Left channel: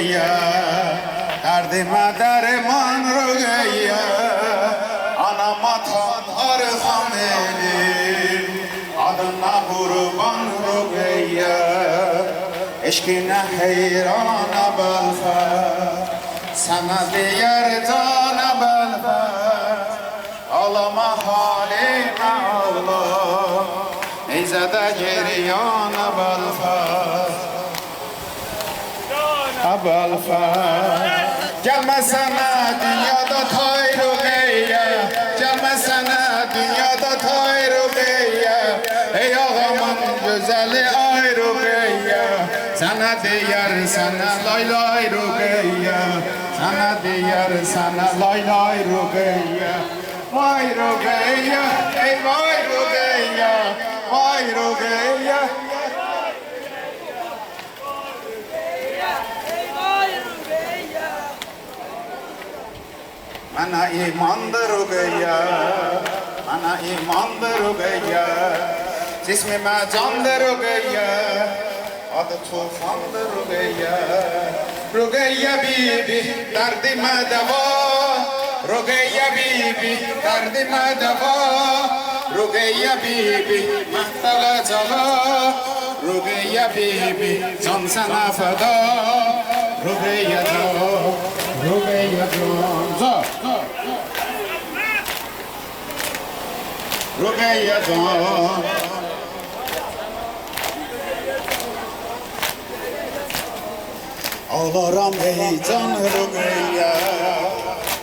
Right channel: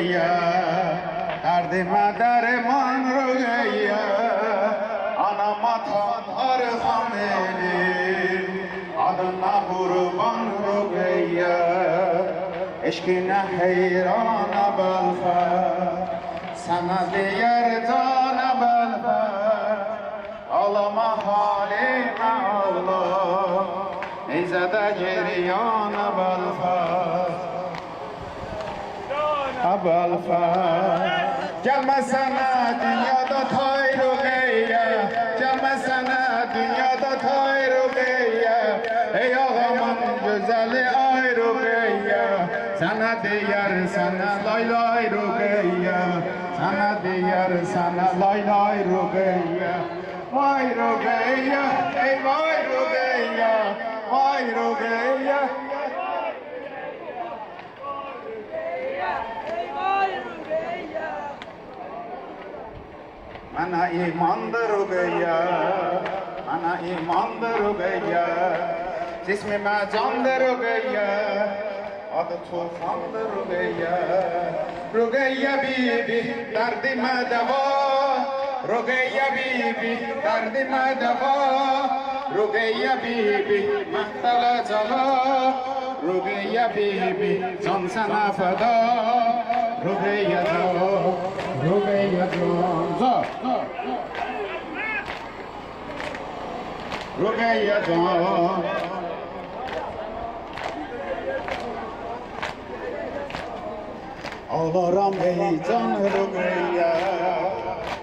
Ruqayya, dərdimə dərman Ruqayya, anama tanrı xam elim, adına qurban Ruqayya, eşqinə heyrana bəlfər, sənə deyər cana bəlfər, ağlama halimə ağla, neyzədə geriyana bəlfər. Abəlfər, gəlmə sənə dünyada tay Ruqayya, gəlmə sənə dünyada tay Ruqayya, ey ağamın gözəli ay Ruqayya, sənə deyər sənə lay lay Ruqayya, sənə deyər sənə lay lay Ruqayya, vay Ruqayya, ey vay Ruqayya, vay Ruqayya. Mana imandır Ruqayya, mana imandır Ruqayya, cismime candır Ruqayya, adı tufandır Ruqayya. Ruqayya bibi derdime deva, Ruqayya bibi derdime deva, Ruqayya bibi mahtala cala, Ruqayya bibi can sana feda, Ruqayya can, Ruqayya can. Ruqayya can, ağlaram ey can Ruqayya,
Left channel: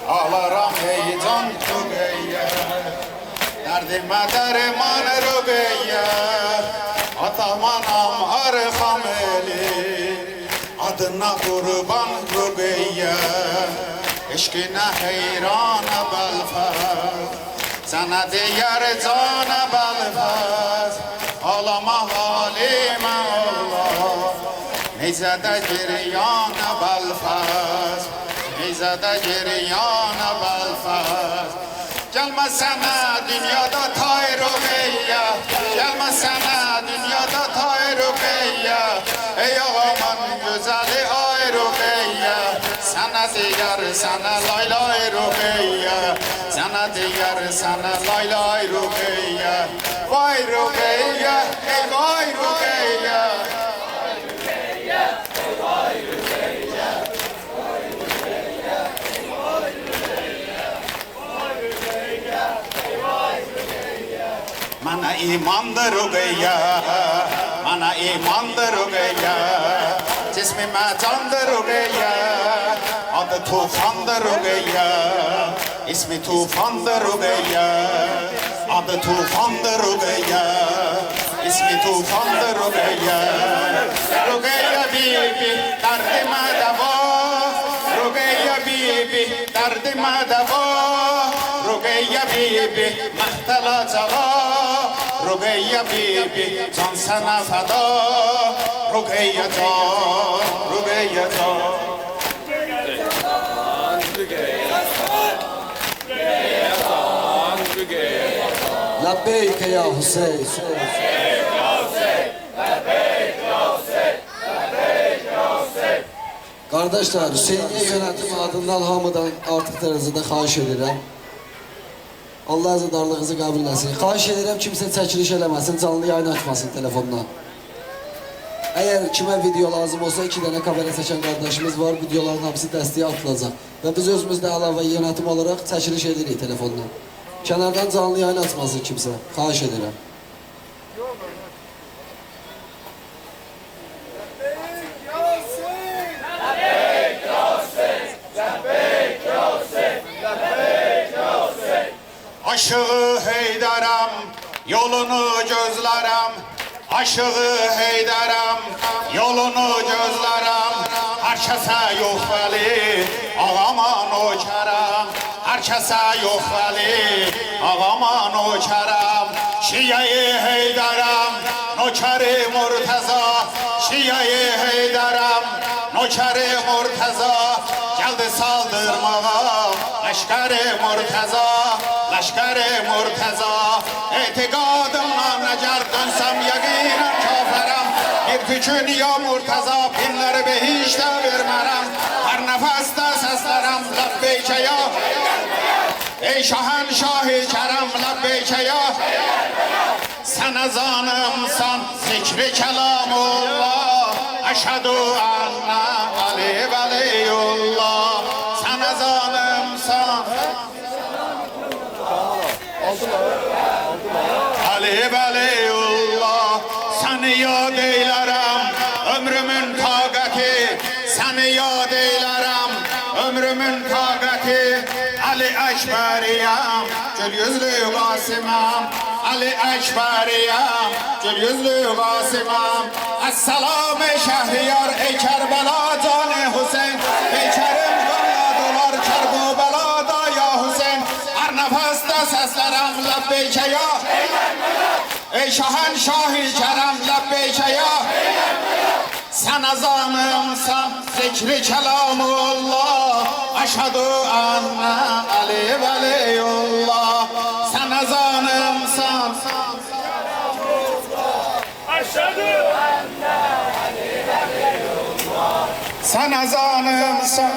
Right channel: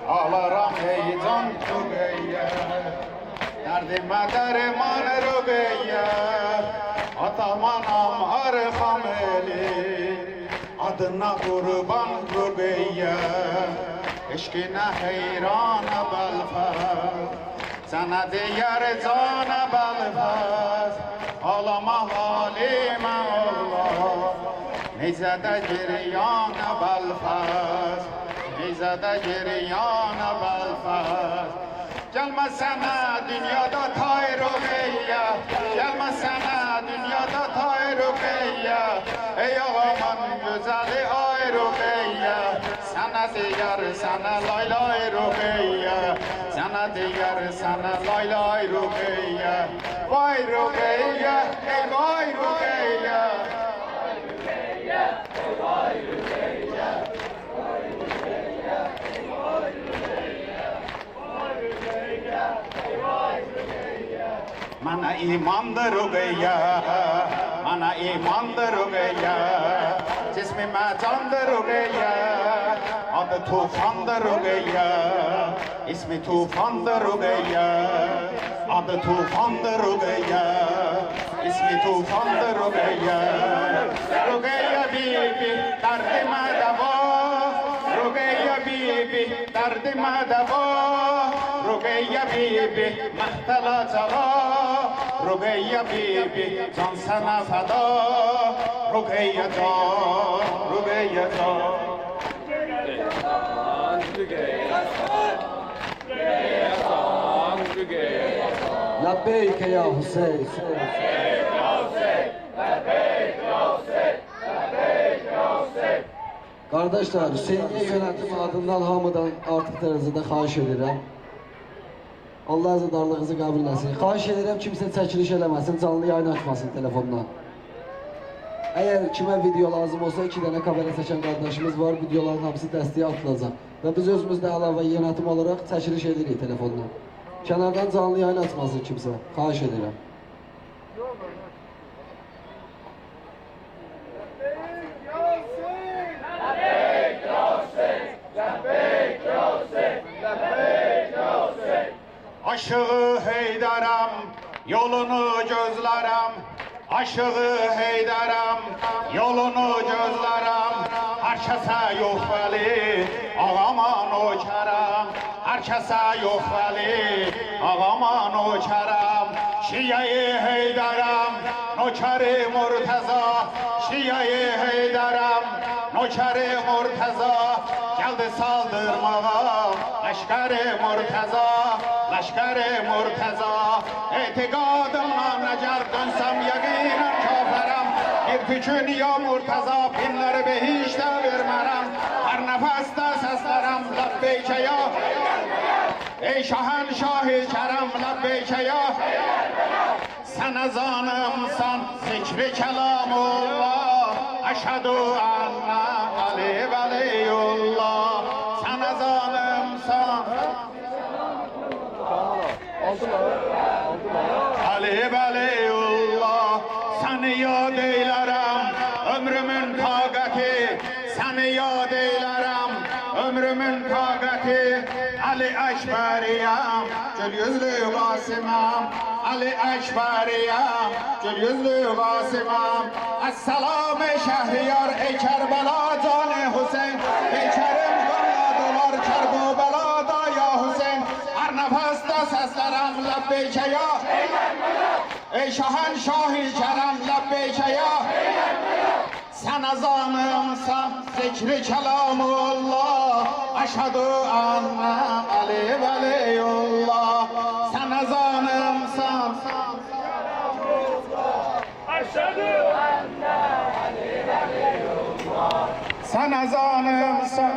ağlaram ey can Ruqayya, dərdimə dərman Ruqayya, atamanam arxam eli, adına qurban Ruqayya, eşqinə heyrana bəlfər, sənə deyər cana bəlfər, ağlama halimə Allah, neyzədə giriyana bəlfər, neyzədə giriyana bəlfər. Gəlmə sənə dünyada tay Ruqayya, gəlmə sənə dünyada tay Ruqayya, ey ağamın gözəli ay Ruqayya, sənə deyər sənə lay lay Ruqayya, sənə deyər sənə lay lay Ruqayya, vay Ruqayya, ey vay Ruqayya. Mana imandır Ruqayya, mana imandır Ruqayya, cismime candır Ruqayya, adı tufandır Ruqayya, ismi tufandır Ruqayya, adı tufandır Ruqayya, ismi tufandır Ruqayya. Ruqayya bibi derdime deva, Ruqayya bibi derdime deva, Ruqayya bibi mahtala cala, Ruqayya bibi can sana feda, Ruqayya can, Ruqayya can. Labbeyk ya Hüseyin. Kardeşler, Hüseyin'e yönetim adından hamıdan artıq dərəcədə xahiş edirəm. Allah əzədarlığınızı qəbul etsin. Xahiş edirəm kimsə çəkiliş eləməsin, canlı yayın açmasın telefondan. Əgər kimə video lazım olsa 2 dənə kamera çəkən qardaşımız var, videoların hamısı dəstəyə atılacaq. Və biz özümüz də əlavə yönetim olaraq çəkiliş edirik telefondan. Kənardan canlı yayın açmasın kimsə, xahiş edirəm. Aşığı Heydaram, yolunu gözlərəm, aşığı Heydaram, yolunu gözlərəm, hər kəsə yox vəli, ağaman o kərəm, hər kəsə yox vəli, ağaman o kərəm, Şiyə-i Heydaram, nökəri Murtəza, Şiyə-i Heydaram, nökəri Murtəza, gəldi saldırmağa, Leşkər-i Murtəza, Leşkər-i Murtəza, etiqadımla nəgər dönsəm yəqinən kafərəm, bir tükün ya Murtəza, pinləri behişdə vermərəm, lebbeyke ya. Ey şahenşah-ı kerem lebbeyke ya. Sen ezanımsan zikri kelamullah. Eşhedü enne Ali veliyullah. Sen ezanımsan Ali veliyullah. Seni yad eylerem ömrümün taqati. Seni yad eylerem ömrümün taqati. Ali Ekberiyem gül yüzlü Qasımam. Ali Ekberiyem gül yüzlü Qasımam. Esselam-ı Şehriyar ey Kerbela canı Hüseyin. Ey Kerim qanladılar Kerbela'da ya Hüseyin. Her nefeste seslerem lebbeyke ya. Ey şahenşah-ı kerem lebbeyke ya. Sen ezanımsan zikri kelamullah. Eşhedü enne Ali veliyullah. Sen ezanımsan Eşhedü enne Ali veliyullah. sen ezanımsan